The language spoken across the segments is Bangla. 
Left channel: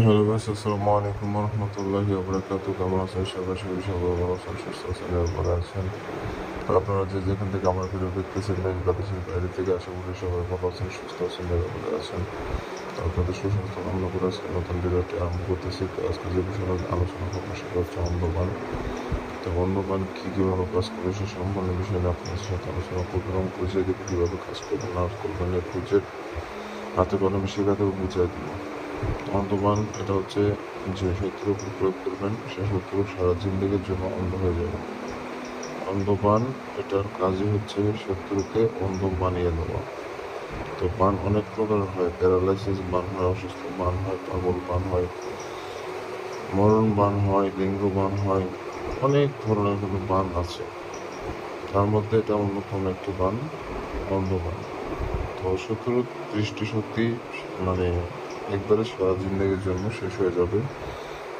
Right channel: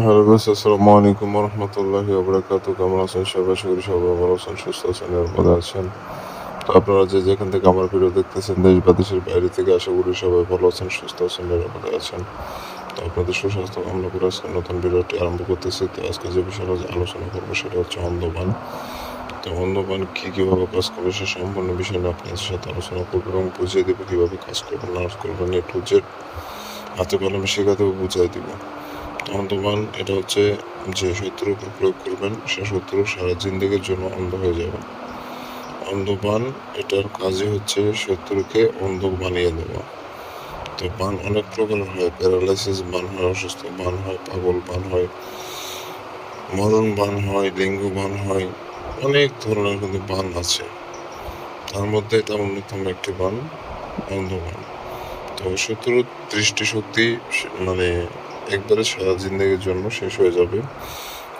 হ্যালো গাইস, আসসালামু আলাইকুম রহমতুল্লাহি ওয়া কেমন আছেন সবাই? আশা করি সবাই ভালো আছেন, সুস্থ আছেন, নিরাপদে আছেন। তো আপনারা যে যেখান থেকে আমার ভিডিও দেখতেছেন, দেশ বা দেশের বাইরে থেকে, আশা করি সবাই ভালো আছেন, সুস্থ আছেন, নিরাপদে আছেন। তো আপনাদের সুস্বাস্থ্য কামনা করে আজকে নতুন ভিডিওটি আরম্ভ করতেছি। তো আজকে যে বিষয় নিয়ে আলোচনা করবো সেটা হচ্ছে অন্ধবান। তো অন্ধবান কীভাবে কাজ করবে সে সম্পূর্ণ বিষয় নিয়ে আপনাদের সাথে আলোচনা করবো এবং বুঝিয়ে দেবো কীভাবে কাজ করবেন না করবেন, এ টু জেড হাতে কলমে শেখা দেবো, বুঝিয়ে দেবো। অন্ধবান এটা হচ্ছে যে শত্রুর উপর প্রয়োগ করবেন সে শত্রু সারা জিন্দেগির জন্য অন্ধ হয়ে যাবে। অন্ধবান এটার কাজই হচ্ছে শত্রুকে অন্ধ বানিয়ে দেওয়া। তো বান অনেক প্রকার হয়, প্যারালাইসিস বান হয়, অসুস্থ বান হয়, পাগল বান হয়, মরণ বান হয়, লিঙ্গ বান হয়, অনেক ধরনের কিন্তু বান আছে। তার মধ্যে এটা অন্যতম একটি বান, অন্ধবান। তো শত্রুর দৃষ্টিশক্তি মানে একবারে সারা জিন্দেগির জন্য শেষ হয়ে যাবে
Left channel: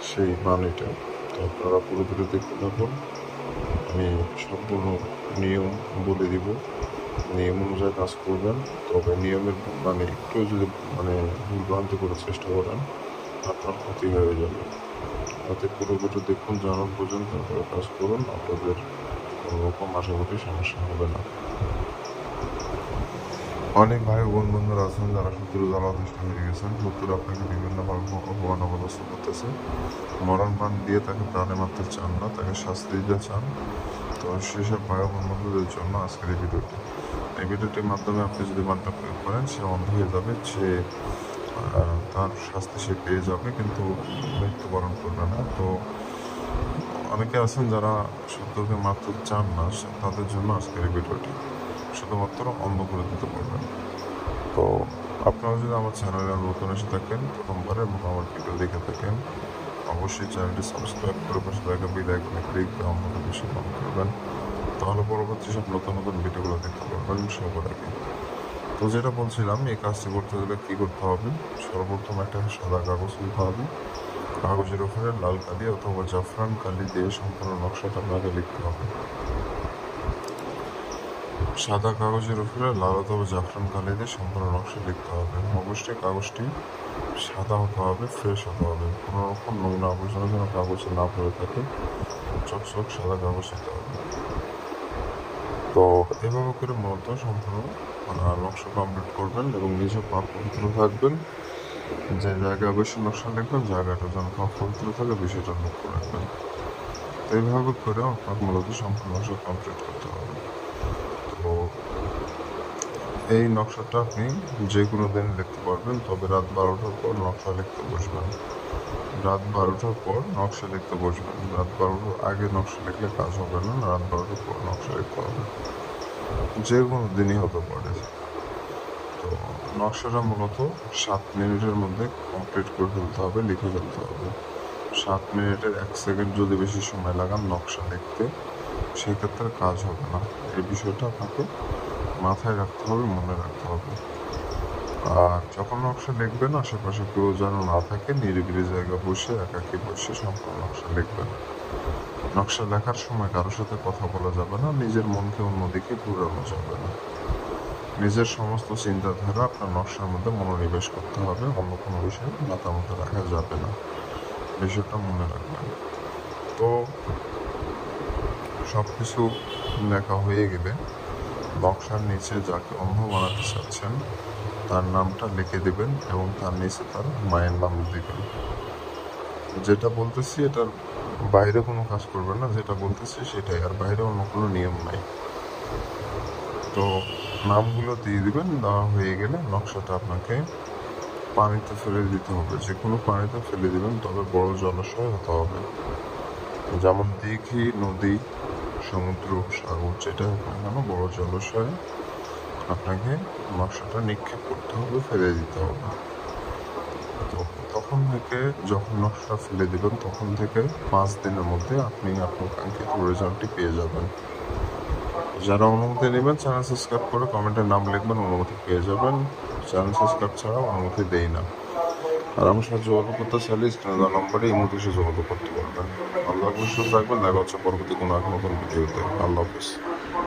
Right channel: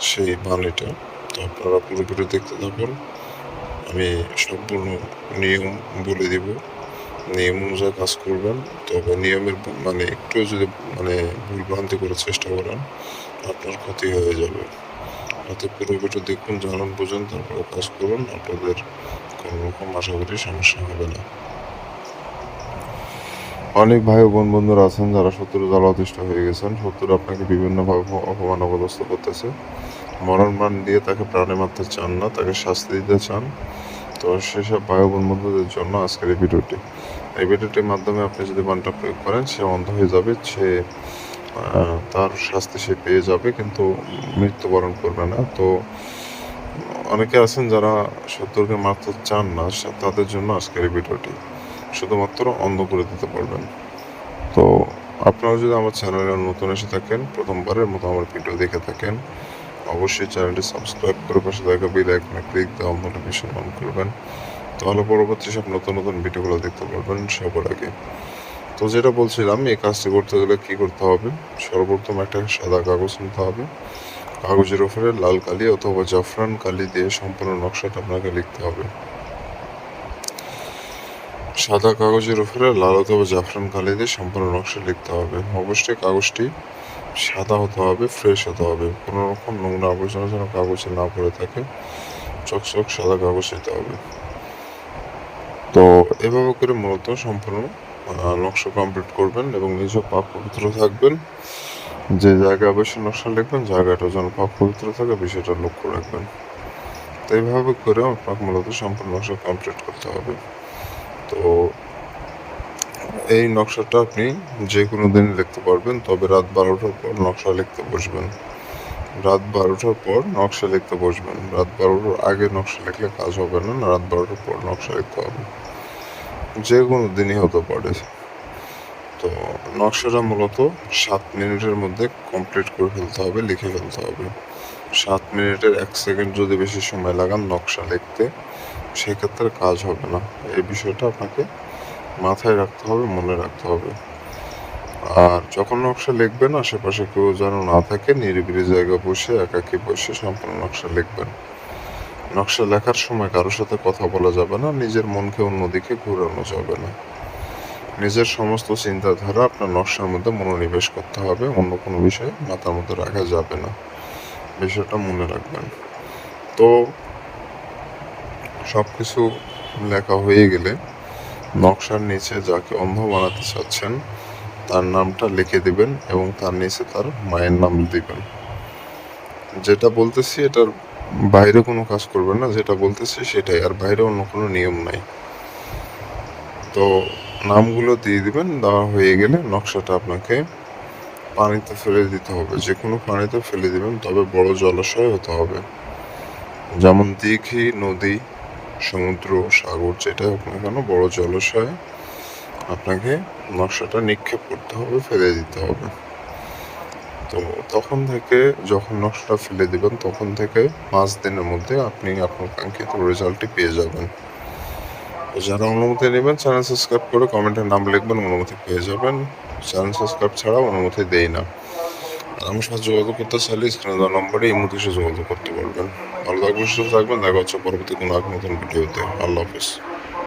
সেই বাণীটা। তো আপনারা পুরো ভিডিও দেখতে থাকুন, আমি সম্পূর্ণ নিয়ম বলে দিব। নিয়ম অনুযায়ী কাজ করবেন। তবে নিয়মের একটু যদি ভুলভ্রান্তি করার চেষ্টা করেন, আপনার ক্ষতি হয়ে যাবে। অতএব পুরো ভিডিও দেখুন, জানুন, বুঝুন, তারপরে কাজ করুন। আপনাদের কোনো রকম আশা করি সমস্যা হবে না। অনেক ভাই ও বন্ধুরা আছেন যারা শত্রু জ্বালা অতিষ্ঠ হয়ে গেছেন। শত্রু আপনাকে বিভিন্নভাবে অপমান অপদস্থ করতেছে, মরণ বান দিয়ে তাকে প্রাণে মারতে চান না, তাকে শাস্তি দিতে চান। তো সেসব ভাই ও বন্ধুদের জন্য আজকের এই ভিডিওটি। এই ভিডিওটির মাধ্যমে আপনি যদি বানটা প্রয়োগ করেন, সে অন্ধ হয়ে যাবে, সে তার শাস্তি সে পেয়ে যাবে, কিন্তু মৃত্যুবরণ করবে না। তো অনেকে আছেন যারা শত্রুকে মারতে চান না, তাদের জন্য আজকের এই ভিডিওটি। শুধুমাত্র অন্ধ করে দিতে পারবেন। তো আপনারা যদি আমার চ্যানেলে নতুন এসে থাকেন, প্রথমবারের মতো আমার ভিডিও দেখে থাকেন, অবশ্যই চ্যানেলটি সাবস্ক্রাইব করে পাশে থাকা বেল আইকনে ক্লিক দেওয়া নোটিফিকেশন অন করবেন। তাহলে পরবর্তী সব নতুন নতুন ভিডিওগুলো দেখতে পারবেন সবার আগে। তো যেটা বলছিলাম, এই কাজটি করতে গেলে কী করতে হবে? সর্বপ্রথম একটা সাদা কাগজ নিতে হবে। কাগজের ওপরে লাল কালি অথবা জাফরান কালি দিয়ে সম্পূর্ণ নকশাটা আপনাকে লিখতে হবে। সাদা কাগজের উপরে লাল অথবা জাফরান কালি দিয়ে সম্পূর্ণ নকশা লিখতে হবে। অবশ্যই কাগজটি সাদা হতে হবে, ফ্রেশ হতে হবে, কোনো রকম নোংরা আবর্জনা যেন কাগজে না পড়ে থাকে, চকচক সাদা কাগজ দিতে হবে। তো এভাবে করে মূলত সম্পূর্ণ নকশা কমপ্লিট করবেন এবং নিজেও পাক পবিত্র থাকবেন। যে জায়গায় অবশ্যই নকশা লিখবেন, জায়গাটা যেন পাক পবিত্র থাকে, বিষয়টা লক্ষ্য রাখবেন। তো এইভাবে করেও আপনাকে মূলত সম্পূর্ণ নকশা কমপ্লিট করতে হবে। তো এই নকশাটা আপনি যে কোনো দিন লিখতে পারবেন, তবে রাত 12টার পর নকশা লিখতে বসবেন। রাত 12টার পর নকশা লিখতে বসবেন। রাত 12টার আগে নকশা লিখলে কাজ হবে না, রাত 12টার পর নকশা লিখতে হবে। যে কোনো দিনই হতে পারে। তো নকশাটা মূলত 7 মিনিটের মধ্যে কমপ্লিট করে ফেলতে হবে, লিখে ফেলতে হবে। 7 মিনিটের 1 সেকেন্ড যদি বেশি সময় লাগান নকশা লিখতে, সেক্ষেত্রে কাজ হবে না। এই বিষয়টা আপনাকে মাথায় রাখতে হবে, মনে রাখতে হবে। আর যখন নকশা লিখবেন, আশেপাশে কেউ যেন না থাকে, নিরিবিলি জায়গায় বসে একাকী বসে সম্পূর্ণ নকশা লিখবেন। নকশা লেখার সময় কারোর সাথে কথা বলা যাবে না, নিজের মনকে অন্যদিকে ঘুরানো যাবে না। নিজের সমস্ত চিন্তাধারা আপনার নকশার মধ্যে মনোনিবেশ করতে হবে, অন্য কোনো বিষয় মাথার মধ্যে রাখা যাবে না। বিষয়টা মনে রাখবেন। তো সব কিছু লেখা হয়ে গেলে নকশার নিচে যাকে অন্ধ বানাতে চাচ্ছেন তার নামটা লিখে দিবেন এবং তার নিচে তার মায়ের নাম দিবেন। যেটা বলতেছি এটার বাইরে কোনো কাজ করবেন না, যেটা বলতেছি সেটাই, আর বাইরে অন্য কোনো নিয়ম নাই। তো নামগুলো দিয়ে দিবেন। দেওয়া হয়ে গেলে নকশাটা আপনাকে পানিতে ফেলে দিতে হবে, যে কোনো পানিতে ফেলে দিবেন, তবে বড় জলাশয় হতে হবে, যেমন দিঘি, নদী, সমুদ্র, সাগর, যেটা হোক না কেন, বড় জলাশয়ে আপনাকে নকশাটা নিক্ষেপ করতে হবে, ফেলে দিতে হবে। তো তখন থেকে যখন নকশাটা ফেলে দেবেন, তখন থেকে 5 দিনের মধ্যে আপনি আপনার কাঙ্ক্ষিত রেজাল্টটি পেয়ে যাবেন। যারা অনুমতি নেবেন, চ্যানেল সাবস্ক্রাইব করে কমেন্টের নাম লিখবেন, অনুমতি পেয়ে যাবেন। চ্যানেল সাবস্ক্রাইব ছাড়া অনুমতি দেই না। আর আমার সাথে যোগাযোগ করতে চাইলে স্ক্রিনে দেওয়া নম্বরে এই মুহূর্তে যোগাযোগ করতে পারবেন। ভালো থাকবেন, সুস্থ থাকবেন। দেখা হচ্ছে পরবর্তী কোনো এক নতুন ভিডিওতে। আল্লাহ হাফেজ।